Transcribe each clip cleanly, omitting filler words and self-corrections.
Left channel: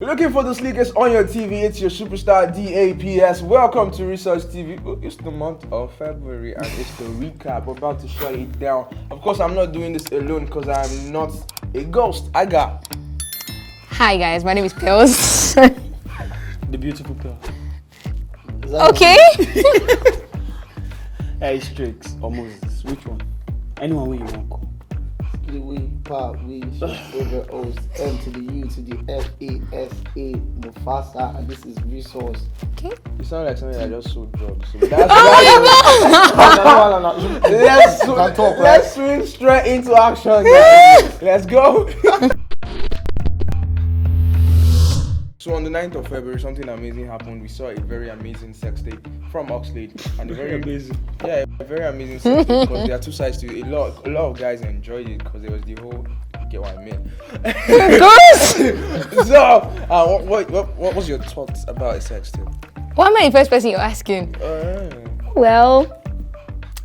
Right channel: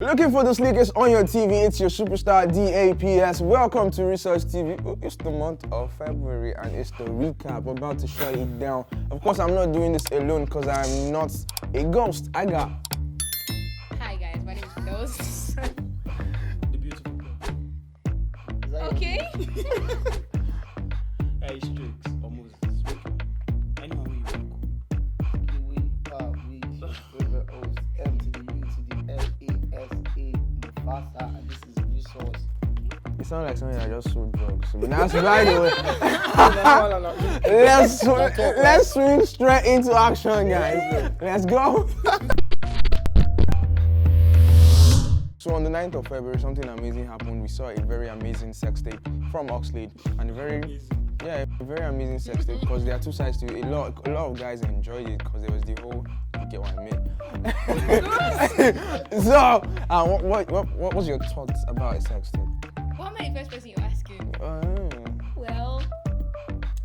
Looking for the slickest on your TV? It's your superstar DAPS. Welcome to Research TV. It's the month of February and it's the recap. We're about to shut it down. Of course, I'm not doing this alone because I'm not a ghost. I got. Hi guys, my name is Pills. The beautiful Pill. Okay. Hey, Strix or Moses, which one? Anyone where you want call. We, pop, we, over O's, M to the U to the F-A-S-A, Mufasa, and this is Resource. Okay. It sounds like something I just sold drugs. So let's swing straight into action, guys. Let's go. So on the 9th of February, something amazing happened. We saw a very amazing sex tape from Oxlade. And a very amazing sex tape because there are two sides to it. A lot of guys enjoyed it because there was the whole, you get what I mean. So, what was your thoughts about a sex tape? Why am I the first person you're asking? Well,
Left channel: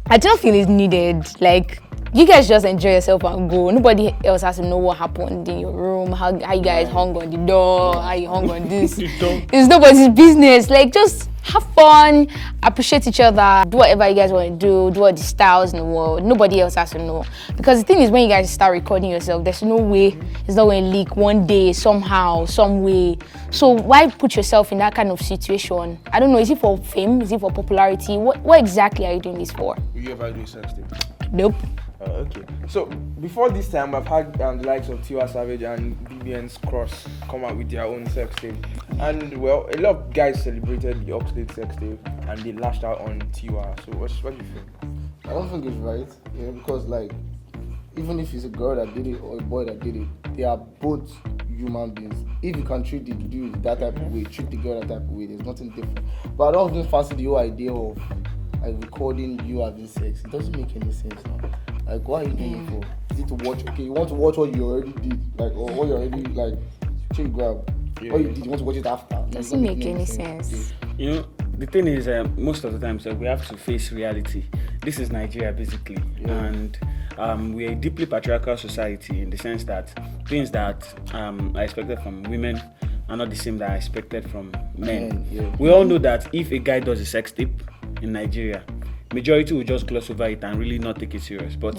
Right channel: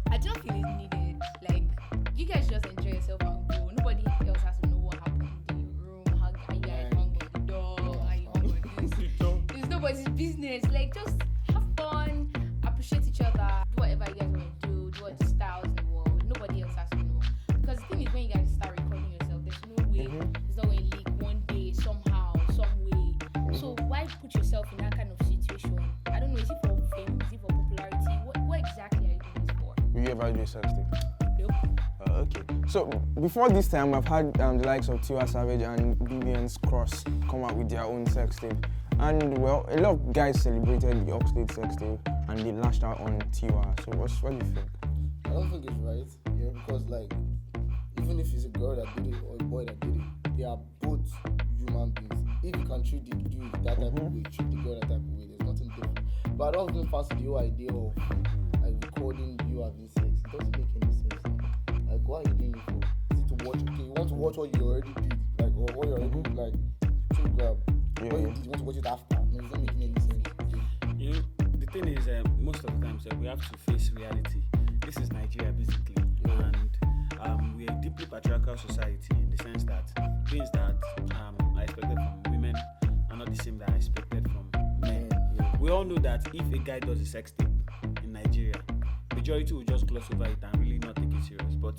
I don't feel it's needed. Like, you guys just enjoy yourself and go. Nobody else has to know what happened in your room, how you guys hung on the door, how you hung on this. It's nobody's business. Like, just have fun, appreciate each other, do whatever you guys want to do all the styles in the world. Nobody else has to know. Because the thing is, when you guys start recording yourself, there's no way it's not going to leak one day, somehow, some way. So why put yourself in that kind of situation? I don't know, is it for fame? Is it for popularity? What exactly are you doing this for? Will you ever do a sex tape? Nope. Okay. So before this time, I've had the likes of Tiwa Savage and BBN's Cross come out with their own sex tape, and well, a lot of guys celebrated the Oxlade sex tape and they lashed out on Tiwa. So what do you think? I don't think it's right, because like, even if it's a girl that did it or a boy that did it, they are both human beings. If you can treat the dude that type of way, treat the girl that type of way, there's nothing different. But I don't even fancy the whole idea of like recording you having sex. It doesn't make any sense now. Like, what are you doing it for? Is it to watch? Okay, you want to watch what you already did, like, or what you already like. Check grab. What you did, you want to watch it after. Doesn't make any sense. You know, the thing is, most of the time, so we have to face reality. This is Nigeria, basically, and we're a deeply patriarchal society in the sense that things that are expected from women are not the same that are expected from men. We all know that if a guy does a sex tape in Nigeria, majority will just gloss over it and really not take it serious. But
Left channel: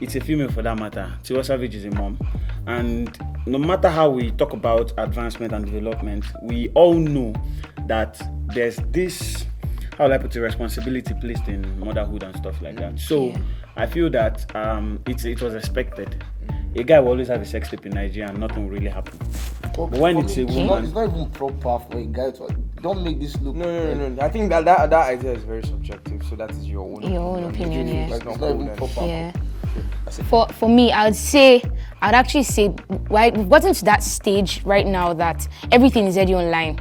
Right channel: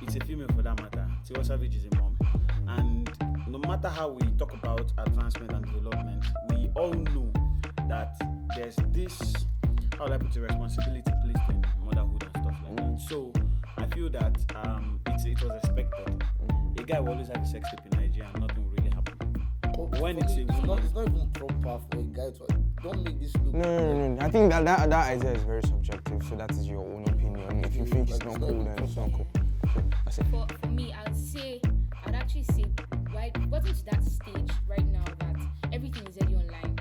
it's a female for that matter. Tiwa Savage is a mom. And no matter how we talk about advancement and development, we all know that there's this, how will I put it, responsibility placed in motherhood and stuff like that. So I feel that it was expected. A guy will always have a sex tape in Nigeria and nothing will really happen. But when it's a woman, it's not even proper for a guy to. Don't make this look. No. I think that idea is very subjective. So that is your own opinion. Yeah. Like, it's not even proper. Yeah. For me, I'd actually say, right, we've gotten to that stage right now that everything is already online.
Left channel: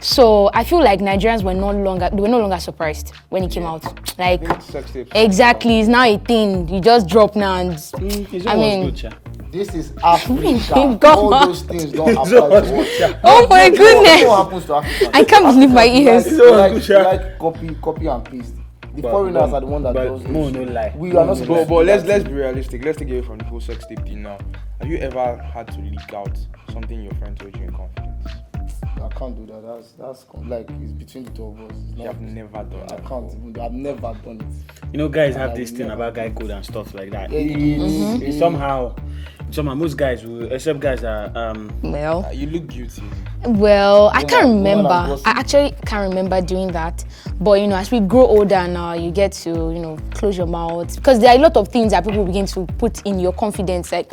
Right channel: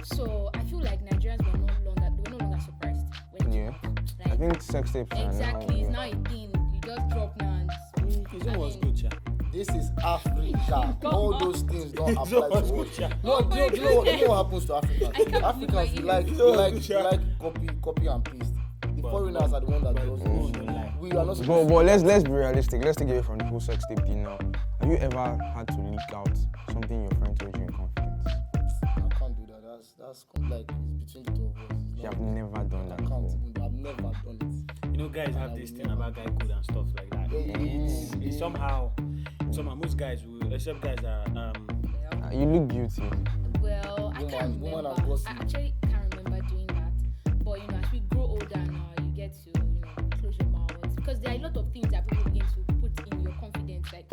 So I feel like Nigerians were no longer surprised when it came out. Like, exactly, it's now a thing. You just drop now and I mean. This is Africa. All those things don't apply to us. Oh my goodness! What happens to Africa? I can't believe my ears. Like copy and paste. The foreigners are the one that does this. No lie. We are not supposed But let's be realistic. Let's take away from the whole sex tape thing now. Have you ever had to leak out something your friend told you in confidence? I can't do that. That's like, it's between the two of us. You have never done that. I can't even. I've never done it. You know, guys have this thing about guy code and stuff like that. Yeah, Somehow, most guys will, except guys are Well, you look guilty. Well, I can't remember. I actually can't remember doing that. But as we grow older now, you get to close your mouth, because there are a lot of things that people begin to put in your confidence. Like,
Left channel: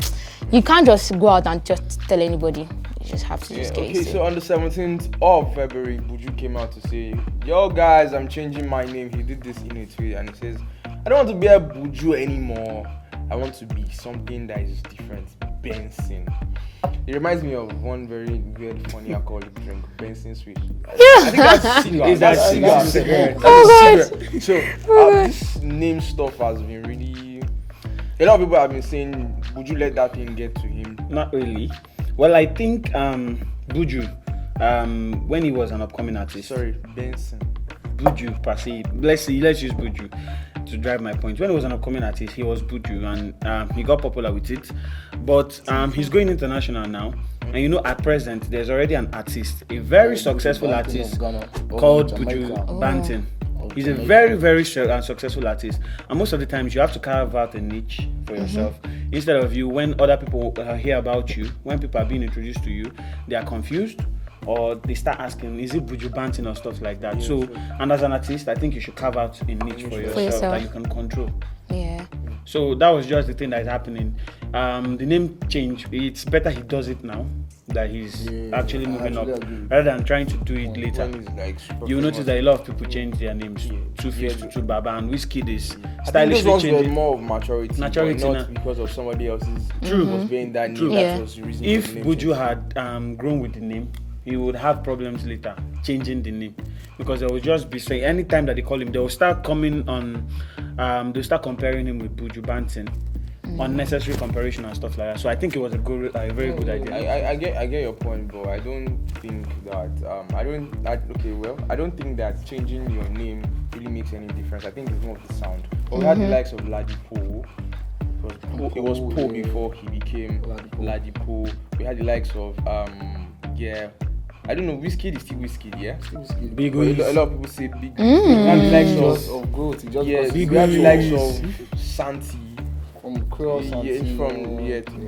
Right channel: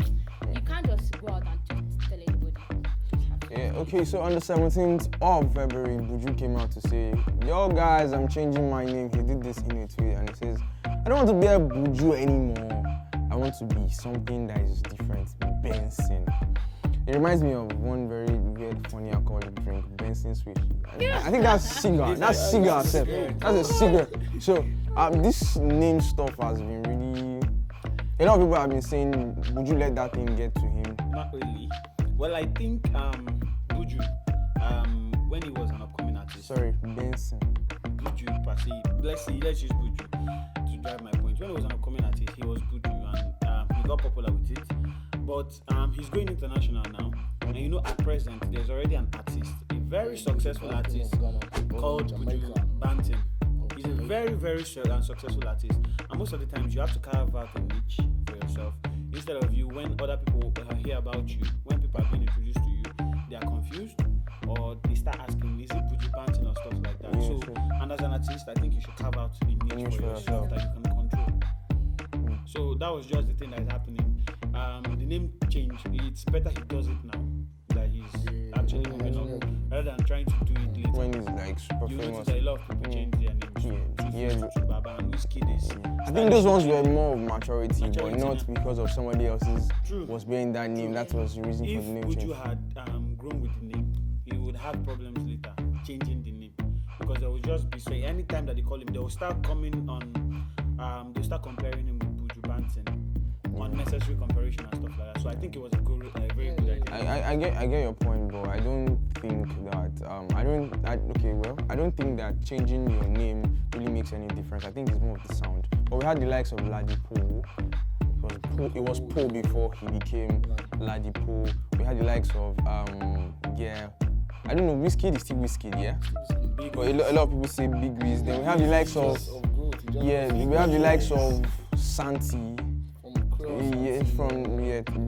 you can't just go out and just tell anybody. You just have to just get Okay, so on the 17th of February, Buju came out to say, "Yo guys, I'm changing my name." He did this in a tweet and he says, "I don't want to be a Buju anymore. I want to be something that is different. Benxn." It reminds me of one very weird, funny alcoholic drink, Benxn Swish. I think that's cigar. That's cigar. Oh God. So this name stuff has been really. A lot of people have been saying, "Would you let that thing get to him?" Not really. Well, I think Buju, when he was an upcoming artist. Sorry, Benxn. Buju per se. Let's use Buju to drive my point. When he was an upcoming artist, he was Buju, and he got popular with it. But he's going international now, And you know, at present, there's already an artist, a very successful artist called Buju Benxn. He's a very, very successful artist. And most of the times, you have to carve out a niche for yourself. Instead of you, when other people hear about you, when people are being introduced to you, they are confused. Or they start asking, is it Buju Benxn or stuff like that? So, and as an artist, I think you should carve out a niche for yourself that you can control. Yeah. So that was just the thing that is happening. The name change, it's better he does it now, that he's actually moving up, rather than trying to do it later. You notice that a lot of people change their names. Two Face to Two Baba, and Wizkid is stylishly changing. More of maturity not because of somebody else's was being that name. That was the reason. If Buju had grown with the name, he would have problems later changing the name, because there will just be saying anytime that they call him, they will start coming on. They'll start comparing him with Buju Benxn, unnecessary comparison and stuff like that. So I think it was a very good idea. I get your point, but I don't think that I don't think that changing your name really makes any difference. I think it's more of the sound. But we had the likes of Ladipo. It was Poe before he became Ladipo. We had the likes of I don't know, Wizkid is still Wizkid, yeah? Big a lot of people say Big Wiz. We have the likes of growth. we have the likes of Santi. From Cross do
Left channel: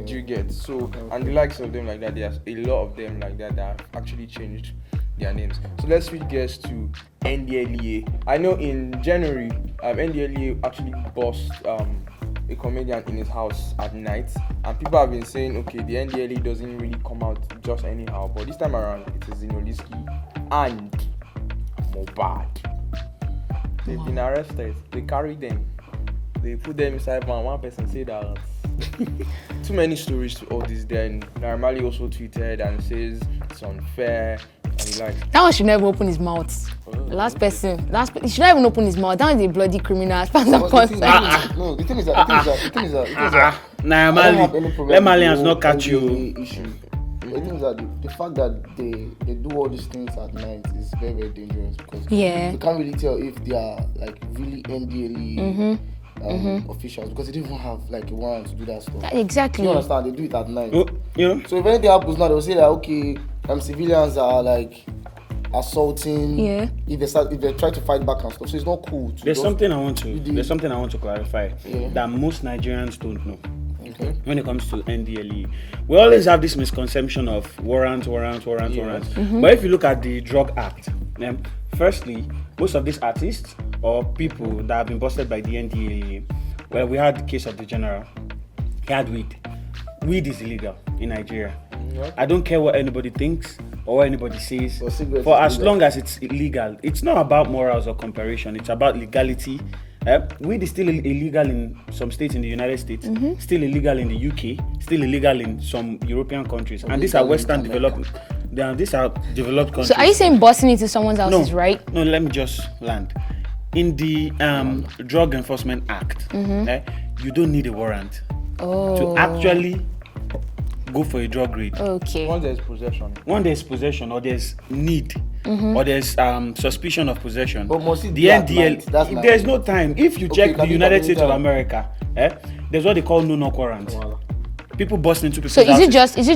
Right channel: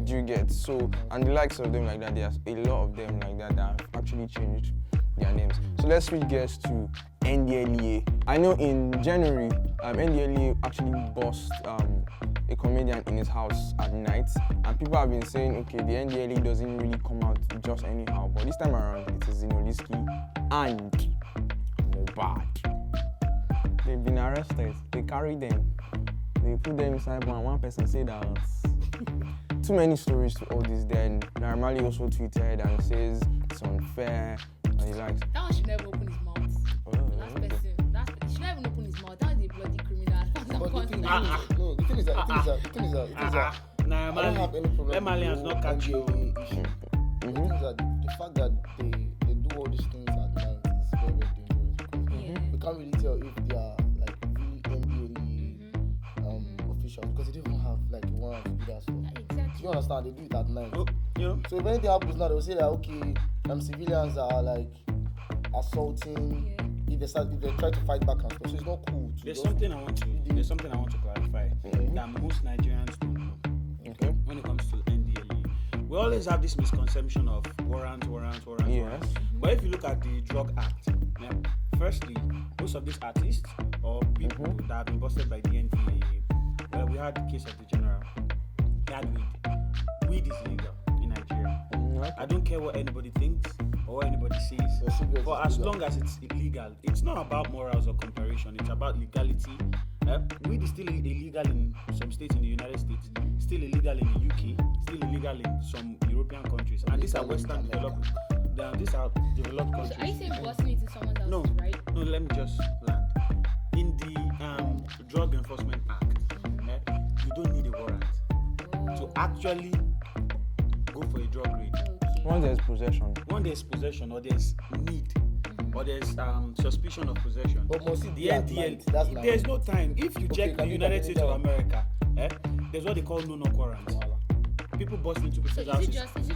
you get? So, and the likes of them like that, there's a lot of them like that have actually changed their names. So let's switch gears to NDLEA. I know in January, NDLEA actually bossed a comedian in his house at night, and people have been saying, okay, the NDLEA doesn't really come out just anyhow, but this time around it is zinoleesky and mohbad. They've been arrested. They carried them. They put them inside one person said that too many stories to all this. Then Naramali also tweeted and says it's unfair. That one should never open his mouth. The last person, he should not even open his mouth. That is a bloody criminal as far as I'm concerned. No, the thing is that Nah, let Malians not catch you. The thing is that the fact that they do all these things at night is very, very dangerous, because you can't really tell if they are like really NDLEA officials, because they don't even have like a warrant to do that stuff. Exactly. You understand? They do it at night. So if anything happens now, they'll say that okay, civilians are like assaulting. If they try to fight back and stuff, so it's not cool. There's something I want to clarify that most Nigerians don't know. When it comes to NDLEA, we always have this misconception of warrants. But if you look at the Drug Act, firstly, most of these artists or people that have been busted by the NDLEA, well, we had the case of the general. He had weed. Weed is illegal in Nigeria. I don't care what anybody thinks or what anybody says. For as long as it's illegal, it's not about morals or comparison. It's about legality. Weed is still illegal in some states in the United States, still illegal in the UK, still illegal in some European countries, and these are Western developed. These are developed countries. So are you saying busting into someone's house is right? No, let me just land. In the Drug Enforcement Act, you don't need a warrant to actually go for a drug raid. Okay. Once there's possession, or there's need, or there's suspicion of possession. But mostly the NDL, there's no time. If you check the United States of America, there's what they call no-knock warrants. People bust into people's houses. So is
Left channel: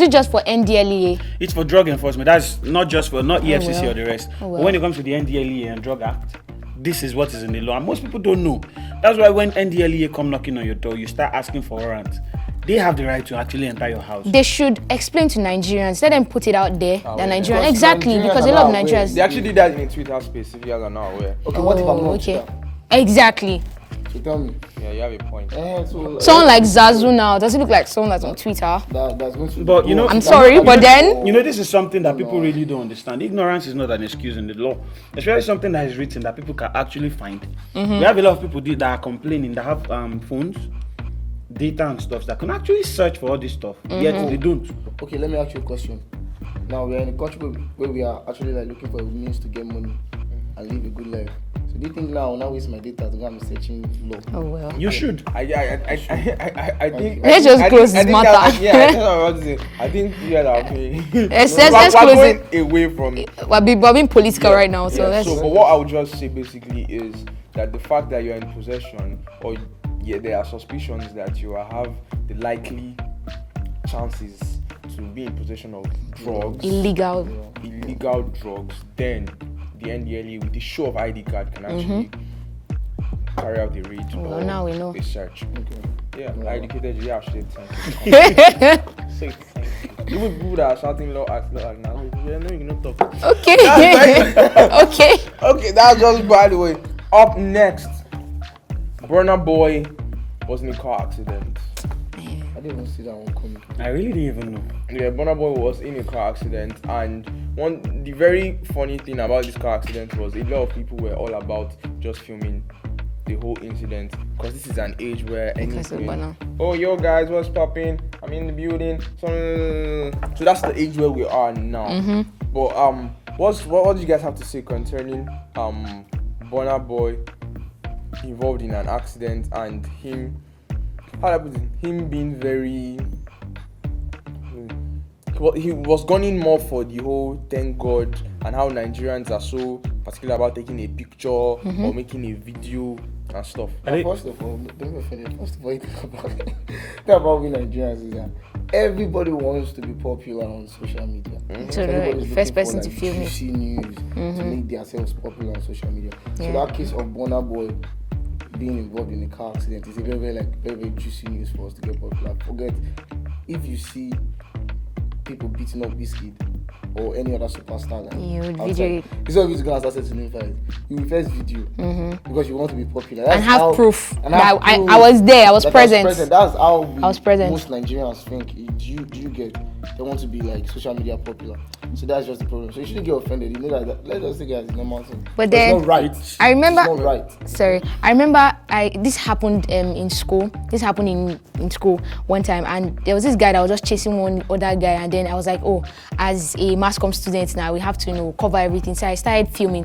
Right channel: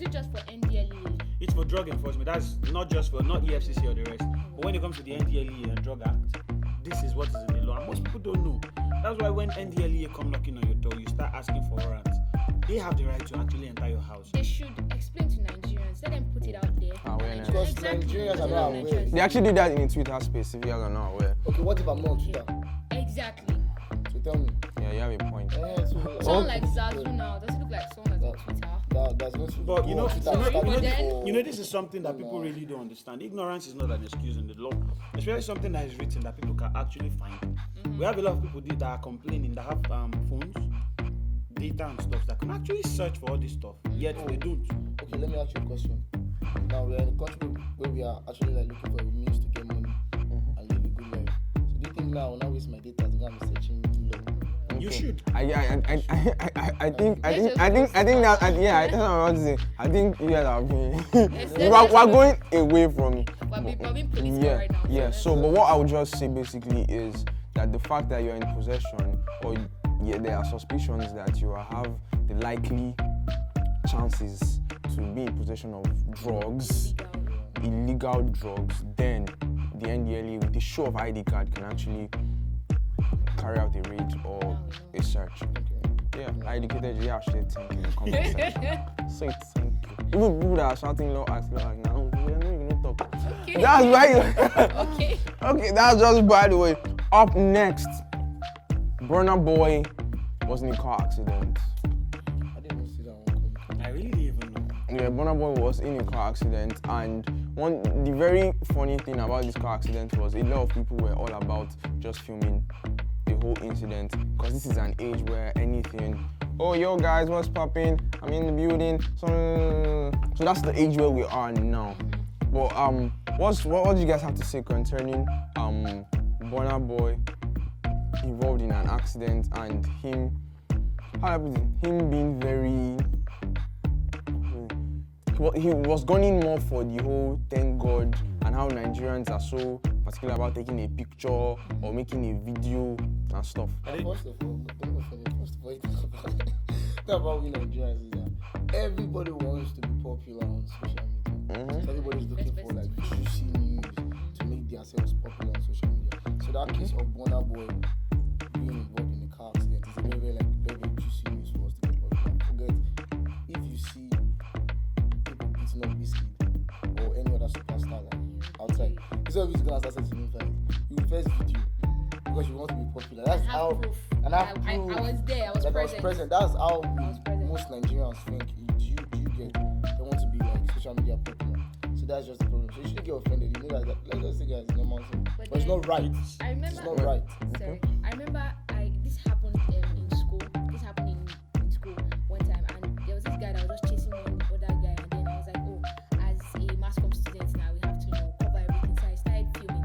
it just for NDLEA? It's for drug enforcement. That's not just for EFCC or the rest. But when it comes to the NDLEA and Drug Act, this is what is in the law, and most people don't know. That's why when NDLEA come knocking on your door, you start asking for warrants. They have the right to actually enter your house. They should explain to Nigerians. Let them put it out there. That Nigerians, exactly, because a lot of Nigerians. They actually did that in Twitter space. If you guys are not aware. Okay, what if I'm not Twitter? Exactly. So tell me. Yeah, you have a point. Someone like Zazu now, does it look like someone that's on Twitter? That's going to but you know, I'm sorry, but then you know, this is something that people really don't understand. Ignorance is not an excuse in the law. Especially something that is written that people can actually find. We have a lot of people that are complaining that have phones, data and stuff that can actually search for all this stuff. Yet they don't. Okay, let me ask you a question. Now we're in a country where we are actually like looking for a means to get money and live a good life. So do you think now waste my data to go and searching law? Oh well. You should. I think. Let's just close this matter. I think you guys are okay. Let's we're close going it. away from it. We're being political right now, so let's. So, but what I would just say basically is that the fact that you're in possession, or there are suspicions that you have the likely chances to be in possession of drugs, Illegal. drugs, then the NDLEA with the show of ID card can actually carry out the raid Well, or now we know. a search. Okay. Yeah, I educated you. Yeah, shit, thank you. Say thank you. People that are shouting law act now. Yeah, no, you not talk. Okay. Okay. Okay, that's just by the way. Up next, Burna Boy was in a car accident. I didn't even see that one coming. I really didn't even know. Yeah, Burna Boy was in a car accident, and the very funny thing about this car accident was a lot of people were all about just filming the whole incident, because this is an age where anything. Oh, yo guys, what's popping? I'm in the building. So that's the age where we are now. But what do you guys have to say concerning Burna Boy involved in an accident and him? How do I put it? Him being very. He was gunning more for the whole thank God and how Nigerians are so particular about taking a picture or making a video and stuff. First of all, don't be offended. First of all, think about we Nigerians is that everybody wants to be popular on social media. So Everybody's the first looking person to for, film it. juicy news to make themselves popular on social media. So that case of Burna Boy being involved in a car accident is a very juicy news for us to get popular. Forget if you see people beating up Wizkid or any other superstar like You would outside, video it. it's always gonna start to fight. You will first video because you want to be popular. And have proof. And that I was there, I was that present. That's how I was present. most Nigerians think. Do you get? They want to be like social media popular. So that's just the problem. So you shouldn't get offended. You know that. Let us say guys, normal thing. But It's then not right. I remember. It's not right. Sorry, I remember this happened in school. This happened in school one time, and there was this guy that was just chasing one other guy, and then I was like, oh, as a mass comm student now, we have to cover everything. So I started filming.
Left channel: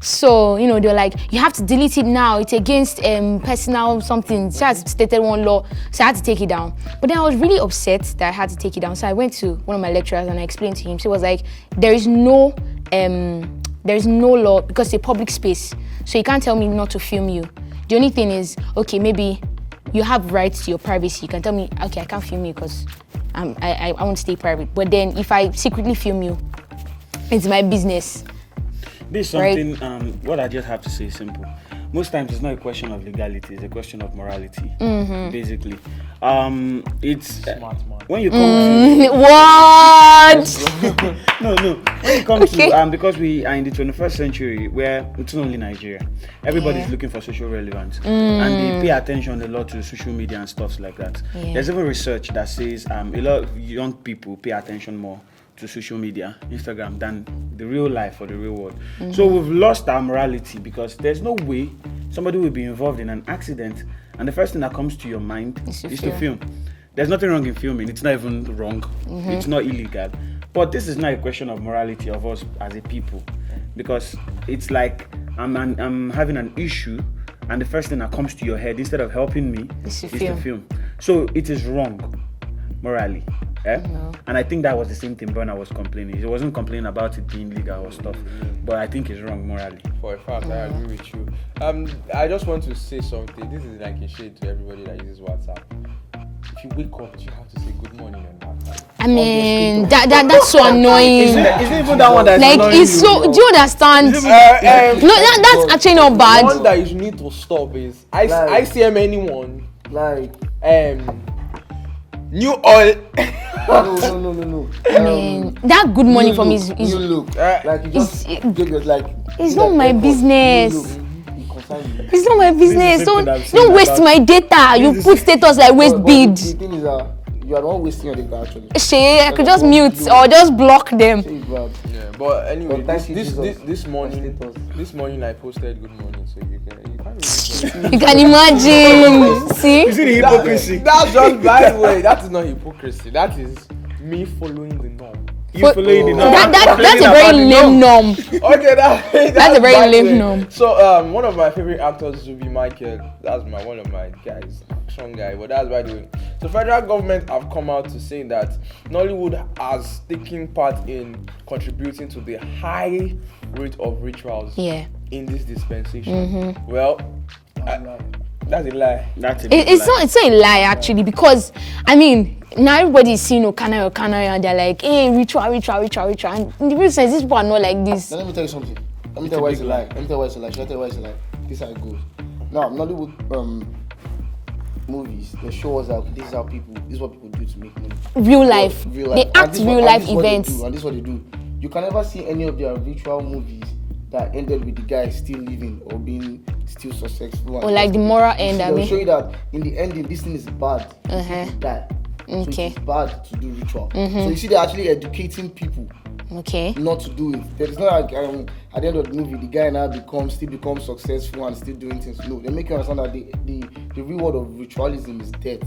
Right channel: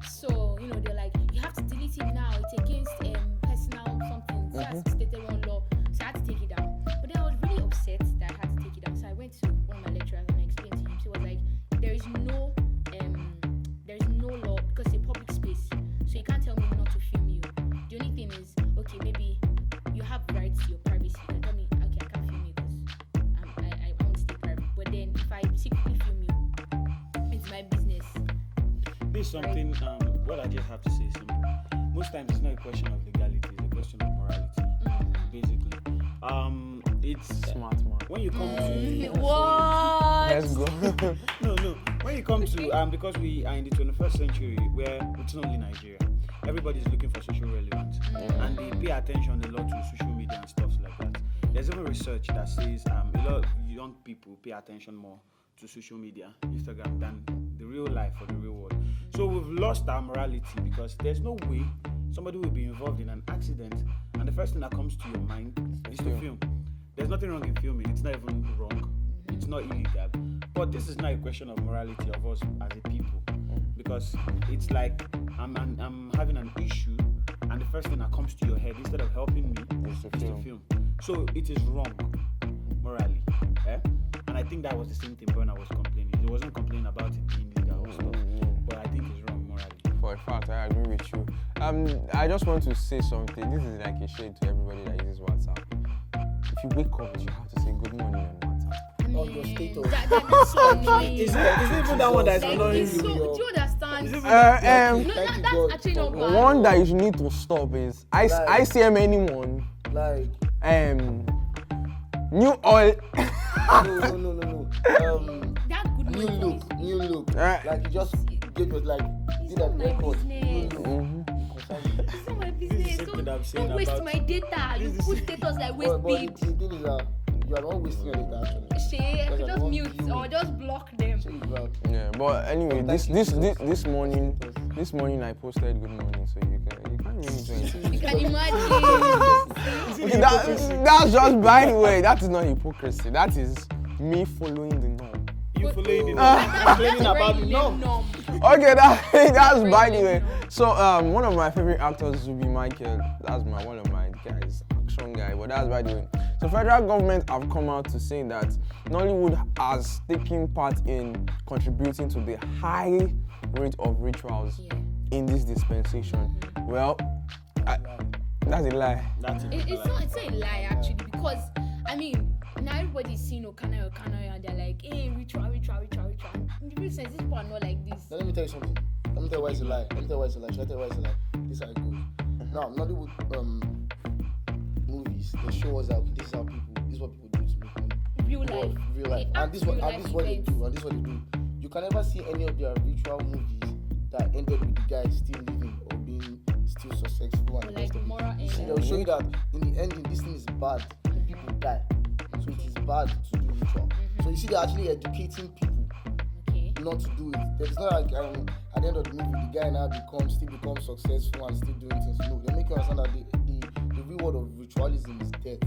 So they're like, you have to delete it now. It's against personal something. So I stated one law, so I had to take it down. But then I was really upset that I had to take it down. So I went to one of my lecturers and I explained to him. So he was like, there is no law because it's a public space. So you can't tell me not to film you. The only thing is, okay, maybe you have rights to your privacy. You can tell me, okay, I can't film you because I want to stay private. But then if I secretly film you, it's my business. This is something, what I just have to say is simple. Most times it's not a question of legality, it's a question of morality, basically. It's Smart man. when you come to... What? No. When it comes to, because we are in the 21st century where it's not only Nigeria, everybody's looking for social relevance and they pay attention a lot to social media and stuff like that. Yeah. There's even research that says a lot of young people pay attention more to social media, Instagram, than the real life or the real world. So we've lost our morality because there's no way somebody will be involved in an accident and the first thing that comes to your mind is to film. There's nothing wrong in filming. It's not even wrong. It's not illegal. But this is not a question of morality of us as a people, because it's like I'm having an issue and the first thing that comes to your head instead of helping me is to film. So it is wrong morally. And I think that was the same thing Burna was complaining. He wasn't complaining about it being legal or stuff, but I think it's wrong morally. For a fact, I agree with you. I just want to say something. This is like a shade to everybody that uses WhatsApp. If you wake up, you have to say good morning on WhatsApp. I mean, that's so annoying. Isn't even that one that's Like, annoying it's you? so. Do you understand? No, that's actually not The bad. one that you need to stop is ICM anyone. Like New oil. no. I mean, that good morning for me is you look like you just it's not my business. It's not my business. something I've seen Don't waste about- my data. You put status like waste bead. The thing is that you are the one wasting your data actually. Shay, I could just mute or just block them. Say it's bad. Yeah, but anyway, But thank you, Jesus. this morning I posted good morning, so you can't really You can imagine. See? You see the hypocrisy? That's just by the way. That is not hypocrisy. That is me following the norm. You following the norm. That's a very lame norm. Okay, that's a very by the lame way. norm. So one of my favorite actors will be Michael. That's one of my guys, action guy. But that's by the way. The federal government have come out to say that Nollywood has taken part in contributing to the high rate of rituals Yeah. in this dispensation. Well, That's a lie. That's a big It's lie. not a lie actually, because I mean now everybody is seeing Okana and they're like, hey, ritual. And in the real sense, these people are not like this. Now let me tell you something. Let me tell you why it's a lie. Let me tell you why it's a lie. Should I tell you why it's a lie? This is how it goes. Now, Nollywood movies, they show us that this is how people, this is what people do to make money. Real life. Real life. They And act this is real what- life and this is what they events. do, and this is what they do. You can never see any of their ritual movies that ended with the guy still living or being still successful. Or like the moral end, I They'll mean. show you that in the ending, this thing is bad. Uh-huh. Die. So Okay. it's bad to do ritual. So you see, they're actually educating people Okay. not to do it. It's not like at the end of the movie, the guy now still becomes successful and still doing things. No, they make you understand that the reward of ritualism is death.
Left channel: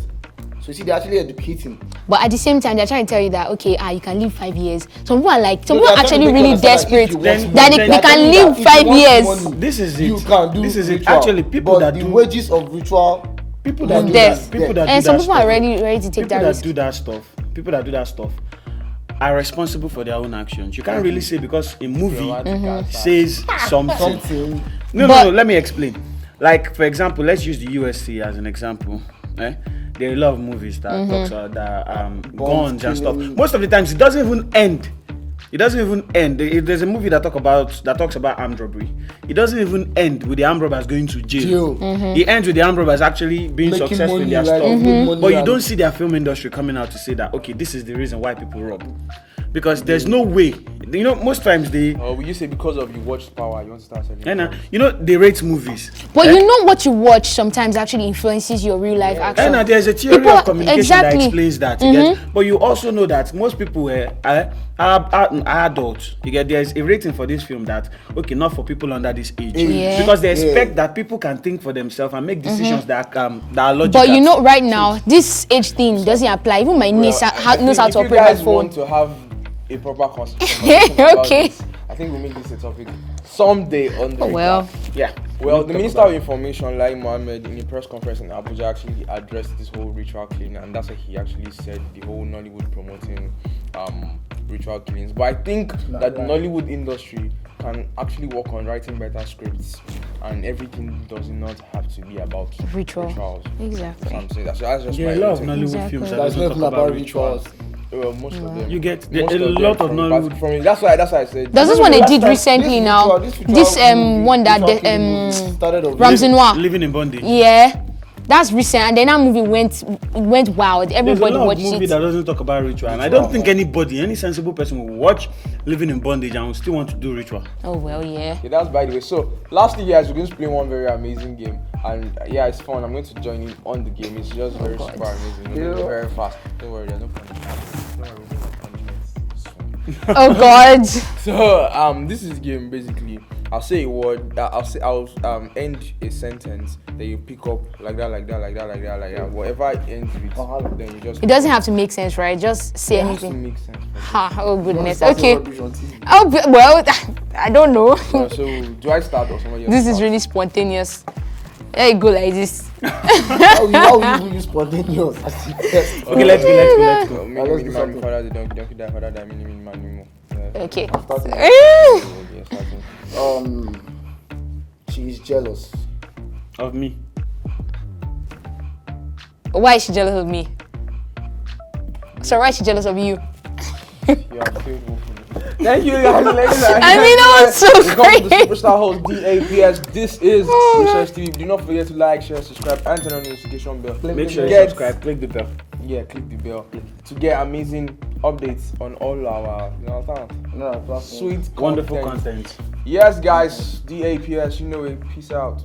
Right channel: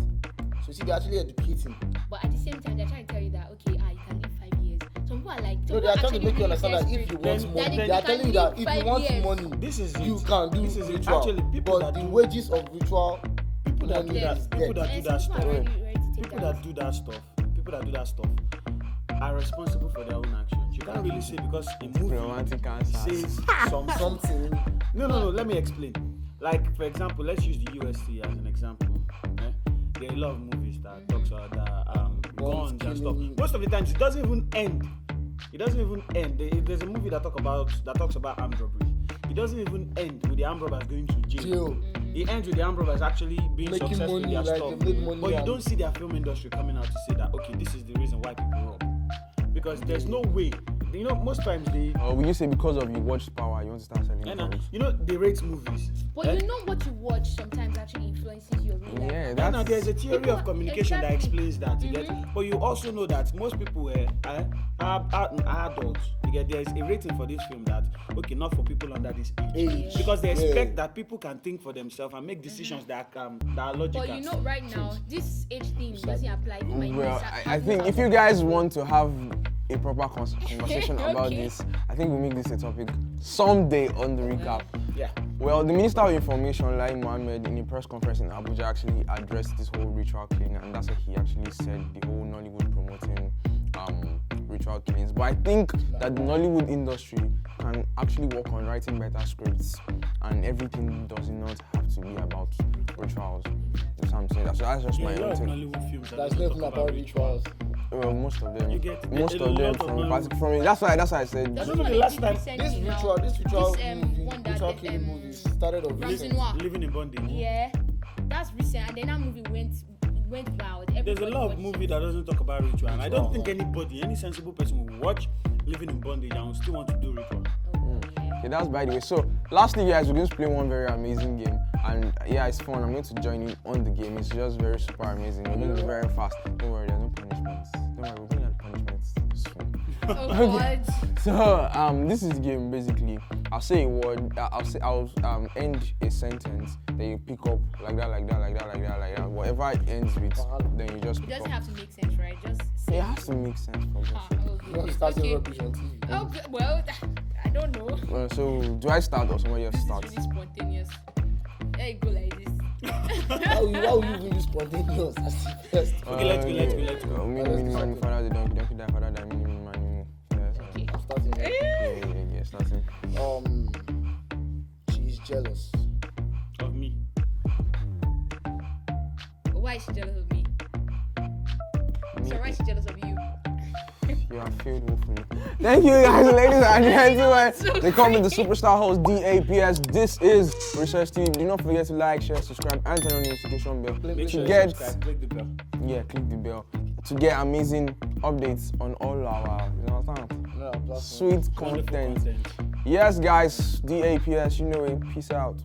So you see, they're actually educating. But at the same time, they're trying to tell you that okay, you can live 5 years. Some people are like, some No, people are they're trying actually to make you really understand that if desperate you want Then- money, that they then- they're can telling you live that if you 5 want years. money, This is you it. can do This is it. ritual. Actually, people but that the do wages of ritual, people that that do Death. that, people that And do some that people are stuff, ready to take people that that risk. do that stuff, people that do that stuff are responsible for their own actions. You can't really say because a movie says something. something. No, But- let me explain. Like for example, let's use the USC as an example. There are a lot of movies that talks about that guns and stuff. killing. Most of the times it doesn't even end. It doesn't even end. There's a movie that talks about armed robbery. It doesn't even end with the armed robbers going to jail. It ends with the armed robbers actually being Making successful in money, their like, stuff. making money But you and- don't see their film industry coming out to say that okay, this is the reason why people rob. Because there's no way. You know, most times they Or will you say because of you watched Power, you want to start selling? powers? you know they rate movies. But you know what you watch sometimes actually influences your real life action. And there's a theory People- of communication exactly. that explains that. You get? But you also know that most people are adults. You get? There's a rating for this film that okay, not for people under this age, Yeah. because they expect that people can think for themselves and make decisions that are logical. But you know, right now, this age thing doesn't apply. Even my niece knows how to If operate you my guys phone. want to have a proper conversation about Okay. this, I think we'll make this a topic someday on the Oh, well. yeah. Well, the Minister of Information, Lai Mohammed, in a press conference in Abuja, actually addressed this whole ritual killing, and that's what he actually said, the whole Nollywood promoting ritual killings. But I think that the Nollywood industry can actually work on writing better scripts, and everything does not have to be about Ritual. rituals. Exactly. That's what I'm saying. That's just Yeah, my a lot of take. Nollywood Exactly. films that There's doesn't nothing talk about rituals. Well, most of them. You get Most a of them lot of from Nollywood. from that's why I said. There's this one they Last did time, recently this now. ritual This movie, one that ritual killing movie started off. Ramsey Noir. Living in bondage. Yeah, that's recent, and then that movie went wild. There's a Everybody lot of watched movie it. that doesn't talk about ritual, and I don't think any sensible person will watch Living in Bondage and will still want to do ritual. Oh well, yeah. Okay, that's by the way. So, lastly, guys, we're going to play one very amazing game, and yeah, it's fun. I'm going to join in on the game. It's just very super amazing. We're going to be very fast. Don't worry, there's no punishment. Don't worry, we don't have punishments. This one. Oh God. So, this is the game basically. I'll say a word. I'll end a sentence. Then you pick up like that. Whatever it ends with, then you just. It doesn't have to make sense, right? Just say It has to anything. make sense. Ha! Oh goodness. Starting Okay. rubbish on TV. Oh well, I don't know. So, do I start or somebody else? This is start? really spontaneous. Let it go like this. How will you even use spontaneous as the best? Okay, let's go. Let's do do something. father, the donkey die, father, die, mini, man, mimo. Okay. Starting. Yeah, starting. She is jealous. Of me. Why is she jealous of me? So why is she jealous of you? You are faithful for me. Thank you guys. I mean, that was so Welcome to the great. Superstar host DAPS. This is Research TV. Do not forget to like, share, subscribe, and turn on the notification bell. Make sure you Get- subscribe, click the bell. Yeah, click the bell to get amazing updates on all our No, sweet Wonderful content. content. Yes, guys, DAPS, you know it. Peace out.